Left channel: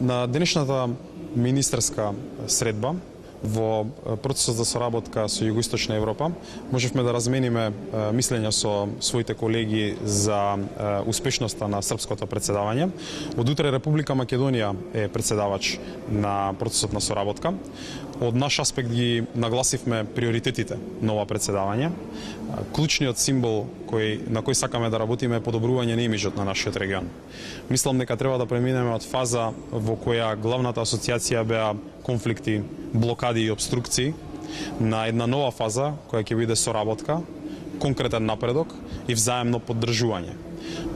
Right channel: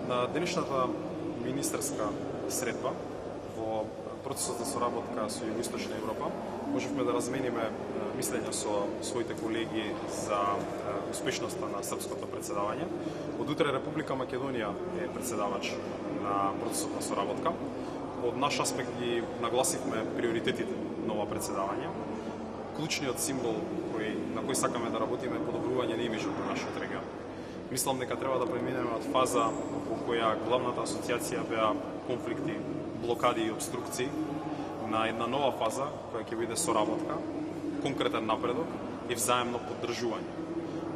На денешната министерска средба во процесот за соработка со Југоисточна Европа можевме да размениме мислења со своите колеги за успешноста на српското председавање. Од утре Република Македонија е председавач на процесот на соработка. Од наш аспект ги нагласивме приоритетите на ова председавање. Клучниот символ на кој сакаме да работиме е подобрување на имиджот на нашиот регион. Мислам дека треба да преминеме од фаза во која главната асоциација беа конфликти, блокади и обструкции, на една нова фаза која ќе биде соработка, конкретен напредок и взаемно поддржување.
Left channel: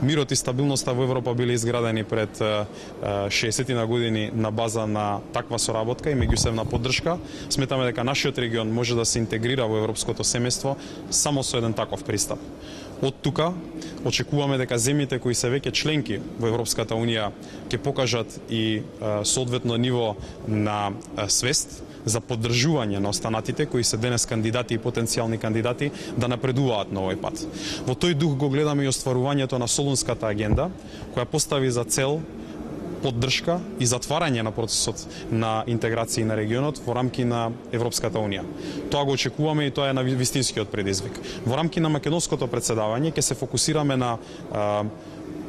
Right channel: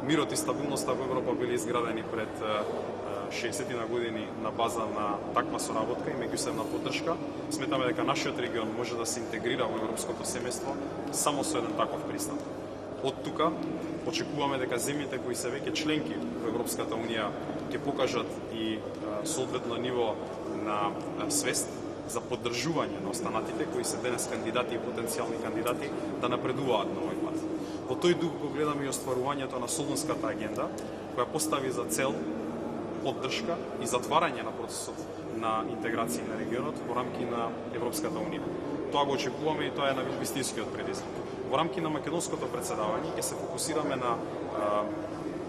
Мирот и стабилноста во Европа биле изградени пред 60 години на база на таква соработка и меѓусебна поддршка. Сметаме дека нашиот регион може да се интегрира во европското семејство само со еден таков пристап. Од тука очекуваме дека земјите кои се веќе членки во Европската Унија ќе покажат и соодветно ниво на свест за поддржување на останатите кои се денес кандидати и потенцијални кандидати да напредуваат на овој пат. Во тој дух го гледаме и остварувањето на Солунската агенда, која постави за цел поддршка и затварање на процесот на интеграција на регионот во рамки на Европската Унија. Тоа го очекуваме и тоа е на вистинскиот предизвик. Во рамки на македонското председавање ќе се фокусираме на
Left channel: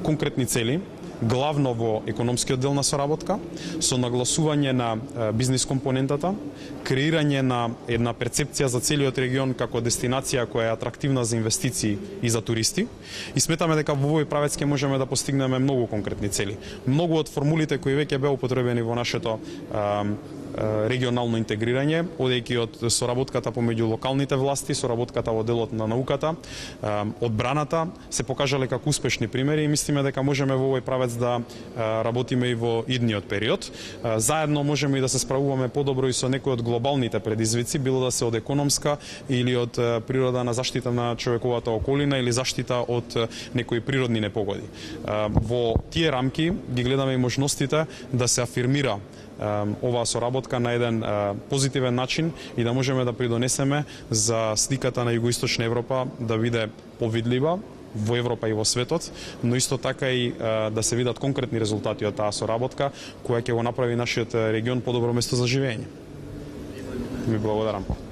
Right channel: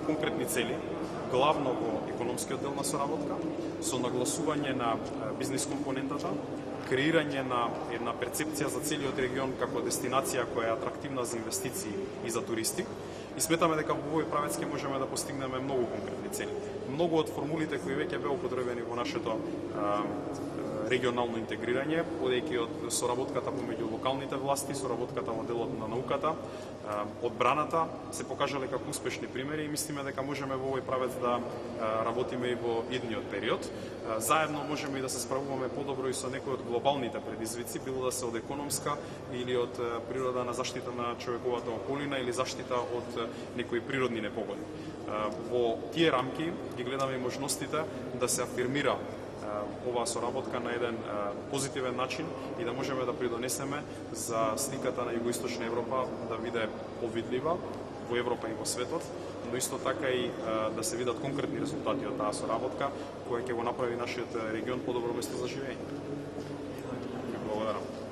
конкретни цели, главно во економскиот дел на соработка, со нагласување на бизнис компонентата, креирање на една перцепција за целиот регион како дестинација која е атрактивна за инвестиции и за туристи. И сметаме дека во овој правец ќе можеме да постигнеме многу конкретни цели. Многу од формулите кои веќе беа употребени во нашето регионално интегрирање, одејќи од соработката помеѓу локалните власти, соработката во делот на науката, одбраната, се покажале како успешни примери и мислиме дека можеме во овој правец да работиме и во идниот период. Заедно можеме и да се справуваме подобро и со некои од глобалните предизвици, било да се од економска или од природа на заштита на човековата околина или заштита од некои природни непогоди. Во тие рамки ги гледаме и можностите да се афирмира оваа соработка на еден позитивен начин и да можеме да придонесеме за сликата на Југоисточна Европа да биде повидлива во Европа и во светот, но исто така и да се видат конкретни резултати од таа соработка која ќе го направи нашиот регион подобро место за живење. Ми благодарам.